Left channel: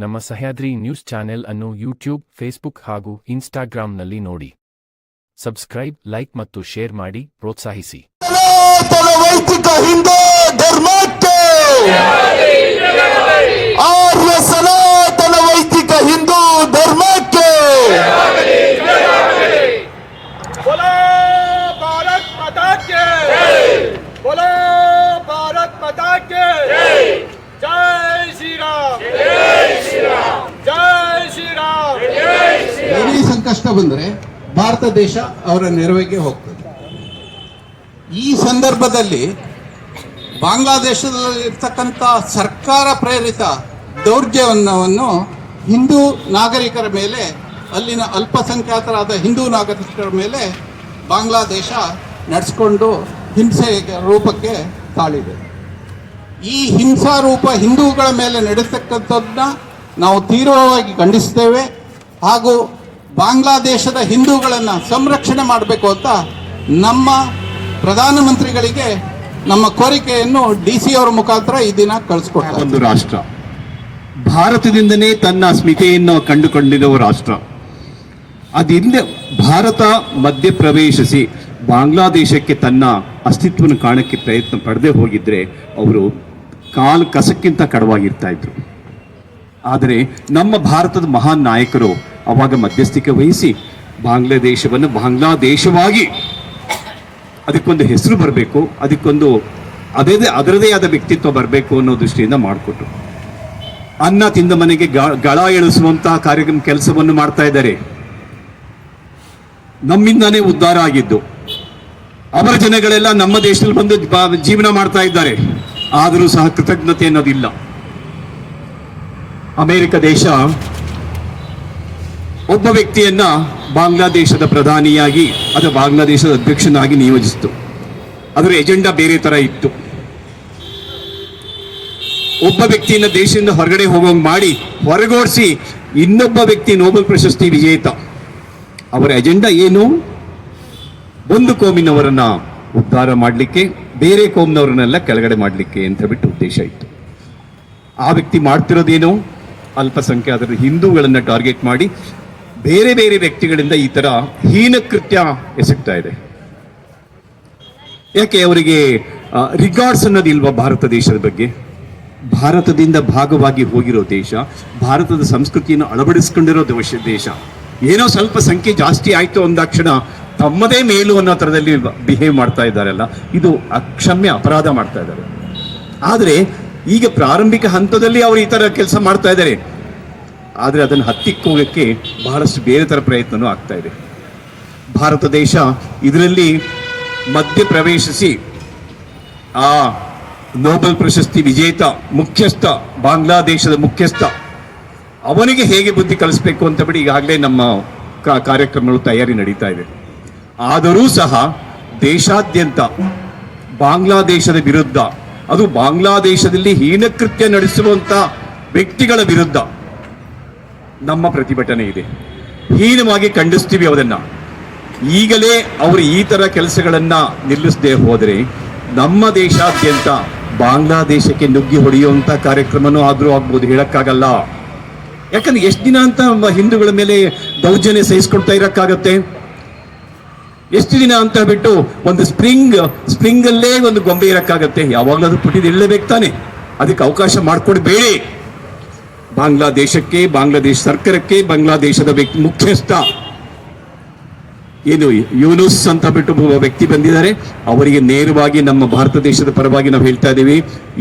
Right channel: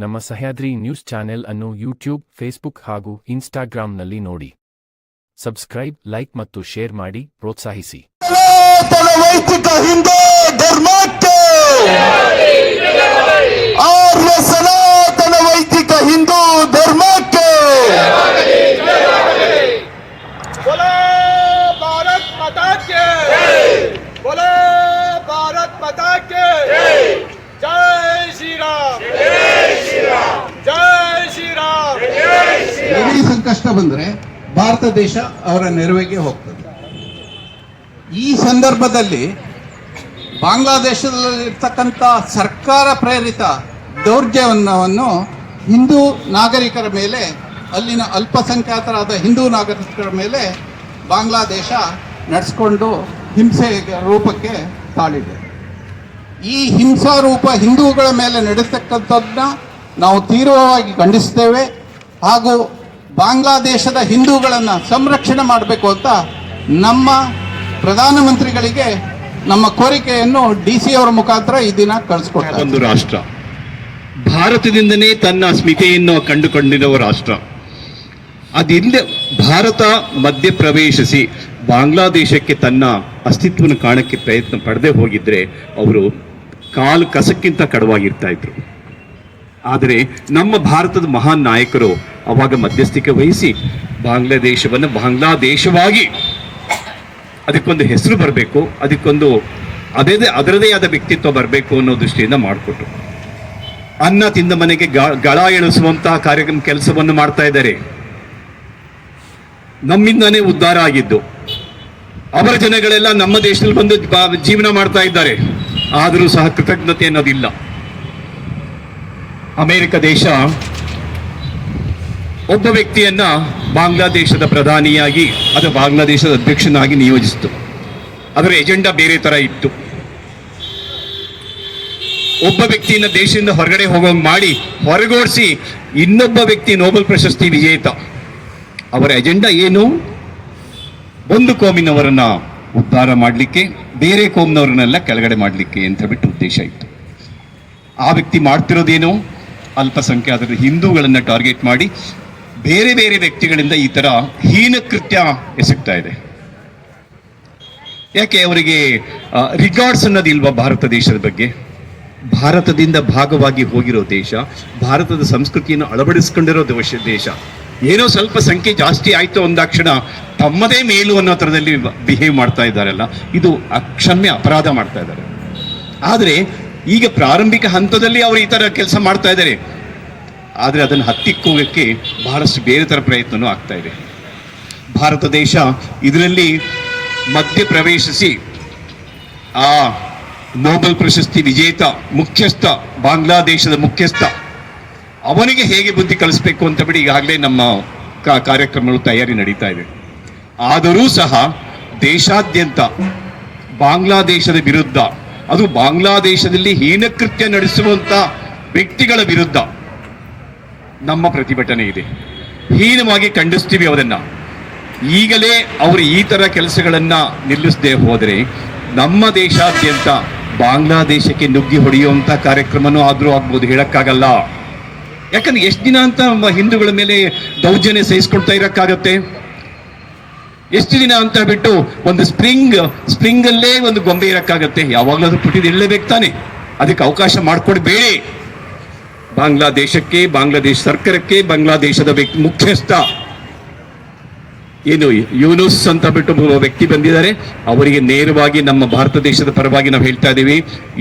ನಮ್ಮ Sahyadri news channel ಅನ್ನು YouTube, Facebook ಹಾಗೂ ಇನ್ಸ್ಟಾಗ್ರಾಂನಲ್ಲಿ ನೋಡಿ. ಸಬ್ಸ್ಕ್ರೈಬ್, ಲೈಕ್ ಮತ್ತು ಶೇರ್ ಮಾಡಿ ಪ್ರೋತ್ಸಾಹಿಸಿ. ವೈದಿಕ ಹಿಂದೂ ಧರ್ಮಕ್ಕೆ ಆರ್ಯ ಸನಾತನ ವೈದಿಕ ಹಿಂದೂ ಧರ್ಮಕ್ಕೆ बोलो भारत माता के बोलो भारत माता के जय श्री राम जय श्री राम जय श्री राम जय श्री राम. ಈ ಸಂಕಷ್ಟ ಬಂದ್ರೆ ಭಾರತ ದೇಶ ಅವರ ನೆರವಿಗೆ ಹೋಗ್ತದೆ. ಈ ಸಂದರ್ಭದಲ್ಲಿ ಬಾಂಗ್ಲಾದೇಶದಲ್ಲಿರ್ತಕ್ಕಂಥ ಸರ್ಕಾರ ಪ್ರೇರಿತ ದೌರ್ಜನ್ಯವನ್ನು ಹಿಂದೂ ನಾಗರಿಕರ ಮೇಲೆ, ಅಲ್ಲಿನ ಅಲ್ಪಸಂಖ್ಯಾತರಾದ ಹಿಂದೂ ನಾಗರಿಕರ ಮೇಲೆ ಬಾಂಗ್ಲಾದೇಶ ನಡೆಸಿಕೊಂಡು ಹಿಂಸೆ ರೂಪಕ್ಕೆ ತಾಳಿದೆ. ಈ ಹಿಂಸಾ ರೂಪ ಹಿಂದೂಗಳ ಮೇಲೆ ನಡೆಸತಕ್ಕಂಥದ್ದನ್ನ ನಾವು ತೀವ್ರವಾಗಿ ಖಂಡಿಸ್ತೇವೆ. ಹಾಗೂ ಬಾಂಗ್ಲಾದೇಶದ ಹಿಂದೂಗಳನ್ನು ಸಂರಕ್ಷಣೆ ಮಾಡಬೇಕು ಅಂತ ನಮ್ಮ ಪ್ರಧಾನಮಂತ್ರಿಗಳಿಗೆ ನಮ್ಮ ಕೋರಿಕೆಯನ್ನು DC ಅವರ ಮುಖಾಂತರ ಈ ದಿನ ಕಳಿಸ್ಕೊಡ್ತಾರೆ. ಒಂದು ರಾಷ್ಟ್ರ ಭಾರತದಿಂದನೇ ತನ್ನ ಅಸ್ಮಿತೆಯನ್ನು ಕಂಡುಕೊಂಡಿರುವ ರಾಷ್ಟ್ರ. ಅದಿಲ್ಲ ಭಾರತ ಮಧ್ಯ ಪ್ರವೇಶಿಸಿ ಬಾಂಗ್ಲಾದೇಶಕ್ಕೆ ತನ್ನ ಅಸ್ತಿತ್ವವನ್ನು ಕಾಣಕ್ಕೆ ಪ್ರಯತ್ನ ಪಡದೆ ಹೋಗಿದ್ರೆ ಅವರು ಕಾಲು ಕಸಕ್ಕಿಂತ ಕಡವಾಗಿರ್ತಾ ಇದ್ರು. ಆದರೆ ನಮ್ಮ ಭಾರತದ ಮಹಾನ್ ನಾಯಕರು ಅವಾಗ ಮಧ್ಯಸ್ಥಿಕೆ ವಹಿಸಿ ಬಾಂಗ್ಲಾದೇಶವನ್ನು ಬಾಂಗ್ಲಾದೇಶವಾಗಿ ಅದಕ್ಕೊಂದು ಹೆಸರು ಬರಬೇಕು, ಅದಕ್ಕೊಂದು ಅದರದೇ ಆದ ವ್ಯಕ್ತಿತ್ವ ಬರಬೇಕು ಅನ್ನೋ ದೃಷ್ಟಿಯಿಂದ ಮಾಡಿಕೊಟ್ರು. ಅನ್ನ ತಿಂದ ಮನೆಗೆ ಗಳ ಎಳಿಸುವಂತಹ ಕೆಲಸವನ್ನು ಮಾಡ್ತಾ ಇದ್ದಾರೆ. ನಮ್ಮಿಂದಾನೇ ಉದ್ಧಾರ ಆಗಿದ್ದು. ಅವರ ಜನಗಳೆಲ್ಲ ನಮ್ಮ ದೇಶದಲ್ಲಿ ಬಂದು ಜೀವನ ಮಾಡ್ತಾ ಇದ್ದಾರೆ. ಆದರೂ ಸಹ ಕೃತಜ್ಞತೆ ಅನ್ನೋದಿಲ್ಲ. ಅಮೆರಿಕ ದೇಶ ಒಬ್ಬ ವ್ಯಕ್ತಿಯನ್ನ ಬಾಂಗ್ಲಾದೇಶದ ಪ್ರಧಾನಿಯಾಗಿ ಅಥವಾ ಬಾಂಗ್ಲಾದೇಶದ ಅಧ್ಯಕ್ಷನಾಗಿ ನಿಯೋಜಿಸಿತು. ಅದರ ಎಜೆಂಡಾ ಬೇರೆ ತರ ಇತ್ತು. ಒಬ್ಬ ವ್ಯಕ್ತಿಯನ್ನ ದೇಶದಿಂದ ಹೊರಗಡೆ ಹೋಗೋಂಗ್ ಮಾಡಿ ಹೊರಗೋಡಿಸಿ ಇನ್ನೊಬ್ಬ ವ್ಯಕ್ತಿ ನೋಬೆಲ್ ಪ್ರಶಸ್ತಿ ವಿಜೇತ. ಅವರ ಎಜೆಂಡಾ ಏನು? ಒಂದು ಕೋಮಿನವರನ್ನ ಉದ್ಧಾರ ಮಾಡಲಿಕ್ಕೆ, ಬೇರೆ ಕೋಮಿನವರನ್ನೆಲ್ಲ ಕೆಳಗಡೆ ಮಾಡಲಿಕ್ಕೆ ಅಂತ ಬಿಟ್ಟು ಉದ್ದೇಶ ಇತ್ತು. ಆ ವ್ಯಕ್ತಿ ಮಾಡ್ತಿರೋದೇನು? ಅಲ್ಪಸಂಖ್ಯಾತರ ಹಿಂದೂಗಳನ್ನ ಟಾರ್ಗೆಟ್ ಮಾಡಿ ಬೇರೆ ಬೇರೆ ವ್ಯಕ್ತಿಗಳಿಂದ ಈ ತರ ಹೀನ ಕೃತ್ಯ ಎಸಗ್ತಾ ಇದೆ. ಯಾಕೆ ಅವರಿಗೆ ರಿಗಾರ್ಡ್ಸ್ ಅನ್ನೋದಿಲ್ವಾ ಭಾರತ ದೇಶದ ಬಗ್ಗೆ? ಭಾರತದಿಂದ ಭಾಗವಾಗಿ ಹೋಗಿರೋ ದೇಶ, ಭಾರತದ ಸಂಸ್ಕೃತಿಯನ್ನು ಅಳವಡಿಸ್ಕೊಂಡಿರೋ ದೇಶ. ಏನೋ ಸ್ವಲ್ಪ ಸಂಖ್ಯೆ ಜಾಸ್ತಿ ಆಯ್ತು ಅಂದಾಕ್ಷಣ ತಮ್ಮದೇ ಮೇಲು ಅನ್ನೋ ಥರದಲ್ಲಿ ಬಿಹೇವ್ ಮಾಡ್ತಾ ಇದ್ದಾರಲ್ಲ, ಇದು ಅಕ್ಷಮ್ಯ ಅಪರಾಧ ಮಾಡ್ತಾ ಇದ್ದಾರೆ. ಆದರೆ ಈಗ ಪ್ರಾರಂಭಿಕ ಹಂತದಲ್ಲಿ ಅವರು ಈ ತರ ಕೆಲಸ ಮಾಡ್ತಾ ಇದ್ದಾರೆ. ಆದರೆ ಅದನ್ನು ಹತ್ತಿಕ್ಕೋಗಕ್ಕೆ ಬಹಳಷ್ಟು ಬೇರೆ ತರ ಪ್ರಯತ್ನವೂ ಆಗ್ತಾ ಇದೆ. ಭಾರತ ದೇಶ ಇದರಲ್ಲಿ ಮಧ್ಯ ಪ್ರವೇಶಿಸಿ ಆ ನೋಬೆಲ್ ಪ್ರಶಸ್ತಿ ವಿಜೇತ ಮುಖ್ಯಸ್ಥ, ಬಾಂಗ್ಲಾದೇಶದ ಮುಖ್ಯಸ್ಥ, ಅವನಿಗೆ ಹೇಗೆ ಬುದ್ಧಿ ಕಲಿಸ್ಬೇಕು ಅಂತ ಬಿಡಿ ಈಗಾಗಲೇ ನಮ್ಮ ಕಾರ್ಯಕ್ರಮಗಳು ತಯಾರಿ ನಡೀತಾ ಇವೆ. ಆದರೂ ಸಹ ದೇಶಾದ್ಯಂತ ಬಾಂಗ್ಲಾದೇಶದ ವಿರುದ್ಧ, ಅದು ಬಾಂಗ್ಲಾದೇಶದಲ್ಲಿ ಹೀನಕೃತ್ಯ ನಡೆಸುವಂತ ವ್ಯಕ್ತಿಗಳ ವಿರುದ್ಧ ನಮ್ಮ ಪ್ರತಿಭಟನೆ ಇದೆ. ಹೀನವಾಗಿ ಖಂಡಿಸ್ತೀವಿ ಅವರನ್ನ. ಈಗಲೇ ಅವರು ಈ ತರ ಕೆಲಸಗಳನ್ನ ನಿಲ್ಲಿಸದೆ ಹೋದರೆ ನಮ್ಮ ದೇಶಾದ್ಯಂತ ಬಾಂಗ್ಲಾದೇಶಕ್ಕೆ ನುಗ್ಗಿ ಹೊಡೆಯುವಂತ ಕಾರ್ಯಕ್ರಮನೂ ಆದ್ರೂ ಆಗ್ಬೋದು, ಹೇಳಕ್ಕಾಗಲ್ಲ. ಯಾಕಂದ್ರೆ ಎಷ್ಟು ದಿನ ಅಂತ ಹಿಂದೂಗಳ ಮೇಲೆ ದೌರ್ಜನ್ಯ ಸಹಿಸ್ಕೊಳ್ತಾ ಇರಕ್ಕಾಗತ್ತೆ? ಎಷ್ಟು ದಿನ ಅಂತ ಬಿಟ್ಟು ಒಂದು ಸ್ಪ್ರಿಂಗ್ ಅಲ್ಲೇ ಒಂದು ಗೊಂಬೆ ಇರಕ್ಕಾಗತ್ತೆ? ಯಾವಾಗಲೂ ಅದು ಪುಟಿದ ಇರಲೇಬೇಕು ತಾನೆ. ಅದಕ್ಕೆ ಅವಕಾಶ ಮಾಡ್ಕೊಡ್ಬೇಡಿ. ಬಾಂಗ್ಲಾದೇಶಕ್ಕೆ, ಬಾಂಗ್ಲಾದೇಶ ಸರ್ಕಾರಕ್ಕೆ, ಬಾಂಗ್ಲಾದೇಶದ ಮುಖ್ಯಸ್ಥ ಏನು ಯೂನುಸ್ ಅಂತ ಬಿಟ್ಟು ವ್ಯಕ್ತಿ ಬಂದಿದ್ದಾರೆ, ಅವರಿಗೆ ನೇರವಾಗಿ ನಮ್ಮ ಭಾರತ ದೇಶದ ಪರವಾಗಿ ನಾವು ಹೇಳ್ತಾ ಇದ್ದೀವಿ,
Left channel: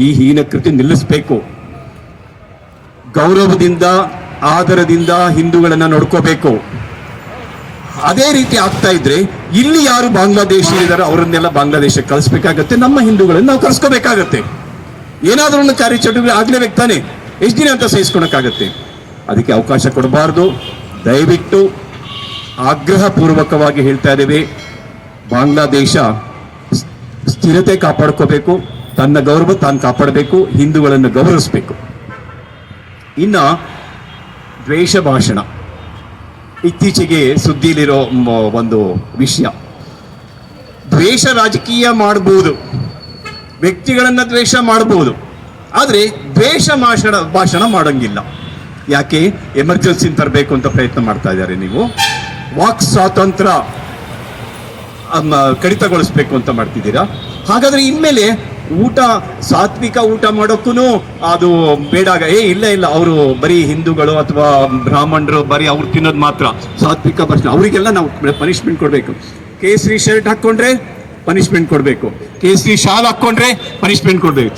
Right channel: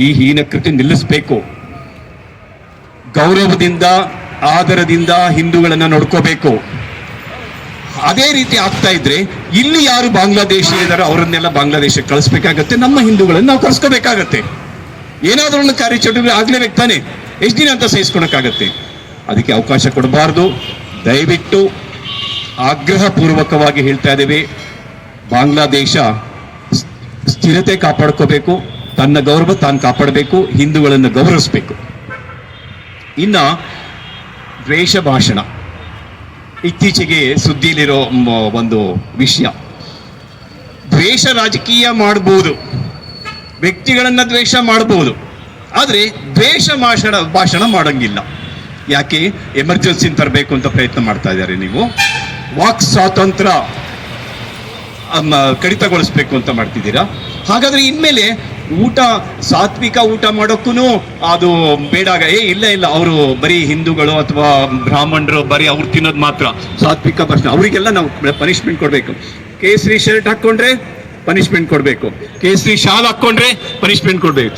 ಈ ಹೀನಕೃತ್ಯ ನಿಲ್ಲಿಸಬೇಕು. ಗೌರವದಿಂದ, ಆದರದಿಂದ ಹಿಂದೂಗಳನ್ನ ನೋಡ್ಕೋಬೇಕು. ಅದೇ ರೀತಿ ಆಗ್ತಾ ಇದ್ರೆ ಇಲ್ಲಿ ಯಾರು ಬಾಂಗ್ಲಾದೇಶ ಇದ್ದಾರೆ ಅವರನ್ನೆಲ್ಲ ಬಾಂಗ್ಲಾದೇಶಕ್ಕೆ ಕಳಿಸ್ಬೇಕಾಗತ್ತೆ. ನಮ್ಮ ಹಿಂದೂಗಳನ್ನ ನಾವು ಕಳಿಸ್ಕೋಬೇಕಾಗತ್ತೆ. ಏನಾದ್ರೂ ಒಂದು ಕಾರ್ಯಚಟುವಟಿಕೆ ಆಗ್ಲೇಬೇಕು ತಾನೆ. ಎಷ್ಟು ದಿನ ಅಂತ ಸಹಿಸ್ಕೊಳಕ್ಕಾಗತ್ತೆ? ಅದಕ್ಕೆ ಅವಕಾಶ ಕೊಡಬಾರ್ದು. ದಯವಿಟ್ಟು ಆಗ್ರಹ ಪೂರ್ವಕವಾಗಿ ಹೇಳ್ತಾ ಇದ್ದೇವೆ, ಬಾಂಗ್ಲಾದೇಶ ಸ್ಥಿರತೆ ಕಾಪಾಡ್ಕೋಬೇಕು, ತನ್ನ ಗೌರವ ತಾನು ಕಾಪಾಡಬೇಕು, ಹಿಂದೂಗಳನ್ನು ಗೌರವಿಸಬೇಕು. ಇನ್ನ ದ್ವೇಷ ಭಾಷಣ ಇತ್ತೀಚೆಗೆ ಸುದ್ದಿಲಿರೋ ಒಂದು ವಿಷಯ. ದ್ವೇಷ ರಾಜಕೀಯ ಮಾಡಬಹುದು, ವ್ಯಕ್ತಿಗಳನ್ನ ದ್ವೇಷ ಮಾಡಬಹುದು, ಆದರೆ ದ್ವೇಷ ಭಾಷಣ ಮಾಡಂಗಿಲ್ಲ. ಯಾಕೆ ಎಮರ್ಜೆನ್ಸಿ ತರಬೇಕು ಅಂತ ಪ್ರಯತ್ನ ಮಾಡ್ತಾ ಇದ್ದಾರೆ ನೀವು. ವಾಕ್ ಸ್ವಾತಂತ್ರ್ಯ ಕಡಿತಗೊಳಿಸ್ಬೇಕು ಅಂತ ಮಾಡ್ತಿದ್ದೀರಾ. ಹಾಗಾದ್ರೆ ಇನ್ಮೇಲೆ ಊಟ ಸಾತ್ವಿಕ ಊಟ ಮಾಡೋಕ್ಕೂ ಅದು ಬೇಡ. ಇಲ್ಲ ಅವರು ಬರೀ ಹಿಂದೂಗಳು ಅಥವಾ ಬ್ರಾಹ್ಮಣರು ಬರೀ ಅವ್ರು ತಿನ್ನೋದು ಮಾತ್ರ ಸಾತ್ವಿಕ ಭಾಷೆ, ಅವರಿಗೆಲ್ಲ ನಾವು ಪನಿಷ್ಮೆಂಟ್ ಕೊಡಬೇಕು. ಕೇಸರಿ ಶರ್ಟ್ ಹಾಕೊಂಡ್ರೆ ಪನಿಷ್ಮೆಂಟ್ ಕೊಡಬೇಕು, ಕೇಸರಿ ಶಾಲ್ ಹಾಕೊಂಡ್ರೆ ಪನಿಷ್ಮೆಂಟ್ ಕೊಡ್ಬೇಕು.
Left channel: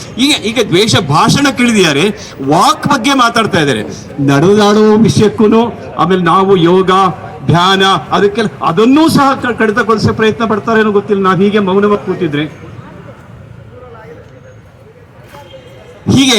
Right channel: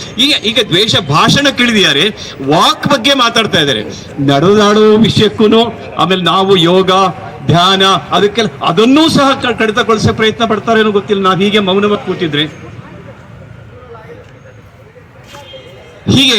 ಈಗ ದ್ವೇಷ ಭಾಷಣ ಕೇಳಿದಿದ್ದಾರೆ, ವಾಕ್ ಬಗ್ಗೆ ಮಾತಾಡ್ತಾ ಇದ್ದಾರೆ. ನಡೆದಾಡೋ ವಿಷಯಕ್ಕೂ ಆಮೇಲೆ ನಾವು ಯೋಗ ಧ್ಯಾನ ಅದಕ್ಕೆಲ್ಲ ಅದನ್ನೂ ಸಹ ಕಡಿತಗೊಳಿಸೋ ಪ್ರಯತ್ನ ಪಡ್ತಾರೇನೋ ಗೊತ್ತಿಲ್ಲ. ನಾವು ಹೀಗೆ ಮೌನವಾಗಿ ಕೂತಿದ್ರೆ ಹೀಗೆ